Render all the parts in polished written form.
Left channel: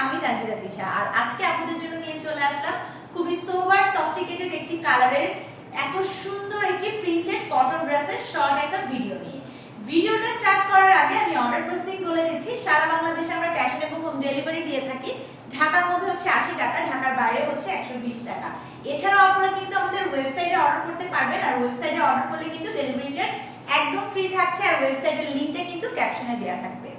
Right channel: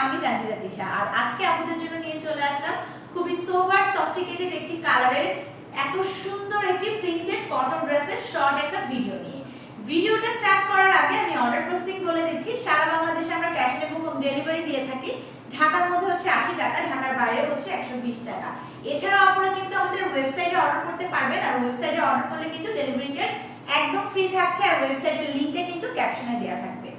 আমি তানজিদা তিশা। আর আজকে আপনাদের জন্য নিয়ে চলে আসলাম খুবই সোবার সফটিকেটেড একটি কালারের এত সুন্দর একটি প্রিন্টেড কটন ড্রেসের শর্ট একটা ভিডিও নিয়ে। ভিডিওটা স্টার্ট করার আগে আমি অর্ডার প্রসেসিং বলে দিচ্ছি। সারা বাংলাদেশে আমরা ক্যাশ অন হোম ডেলিভারি দিয়ে থাকি। ঢাকার মধ্যে হচ্ছে 80 টাকা, ঢাকার বাইরে হচ্ছে 120 টাকা। এছাড়াও আপনারা কিন্তু আমাদের ওয়েবসাইটে অর্ডার করতে পারবেন, আর ওয়েবসাইটে অর্ডার করলে কিন্তু ডেলিভারি চার্জ একদম ফ্রি থাকছে, আর ওয়েবসাইটের লিংকটা কিন্তু ক্যাপশনে দেওয়া থাকবে।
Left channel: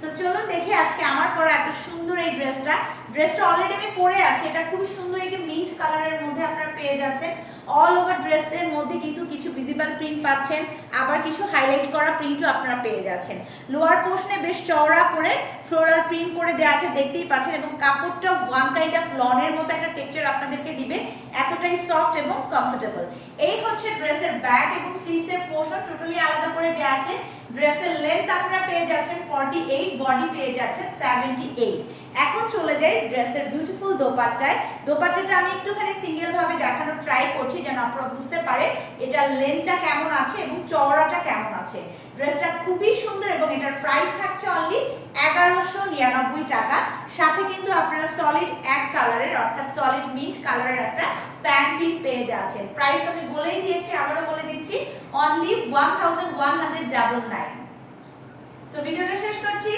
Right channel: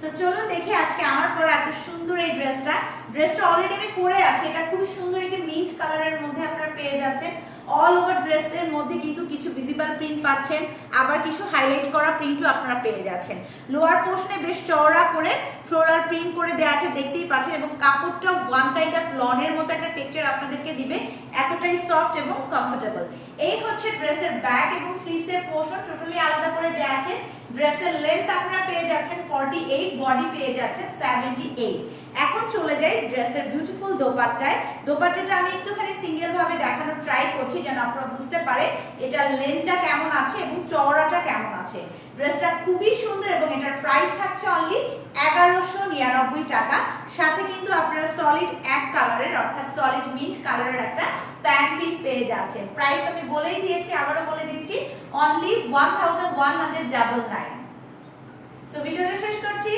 সো চলুন দেখি আজকে আমার পরা এত সুন্দর এই ড্রেসটা অলরেডি আমি পরে আছি। এটা খুব সুন্দর একটি মিন্ট কালারের মধ্যে আপনারা পেয়ে যাচ্ছেন। অল ওভার ড্রেসের মধ্যে কিন্তু কিছু ভিজিবল প্রিন্ট পাচ্ছেন, আবার কিছু হাইলাইট করা প্রিন্টও আপনারা পেয়ে যাচ্ছেন। লোয়ার পোর্শনে বেশ চওড়া করে ফ্লোরাল প্রিন্ট করে দেওয়া আছে, দেখতেই পাচ্ছেন, এবং কাপড়টা ওয়ান কাইন্ড অফ লনের মতো একটা টেক্সচার আপনাদেরকে দিবে, এতটাই সফট এবং কমফোর্টেবল। এই হচ্ছে ড্রেসের ব্যাক এবং স্লিভসের পোর্শন টোটালি আলাদা করে দেওয়া আছে। ড্রেসের লেন্থ আপনারা পেয়ে যাচ্ছেন 48, বডি পেয়ে যাচ্ছেন 78। এখন চলে যাই ড্রেসের বিউটিফুল দোপাট্টায়। দোপাট্টাটা আমি একটুখানি সিঙ্গেল ভাবে দেখানোর ট্রাই করছি যেন আপনারা বুঝতে পারে এটার লেন্থটা কেমন আছে এবং চওড়াটা কেমন আছে। ড্রেসটা খুবই সুন্দর এবং এটার প্রাইস থাকছে অনলি 1199 টাকা। সাথে কিন্তু আপনারা সলিড এক কালারের অর্থাৎ সলিড মিন্ট কালারের একটা প্যান্ট পিস পেয়ে যাচ্ছেন। প্রাইস আমি বলেই দিয়েছি, আবারও বলে দিচ্ছি, অনলি 1199। সো ভিডিওটা শেষ করছি।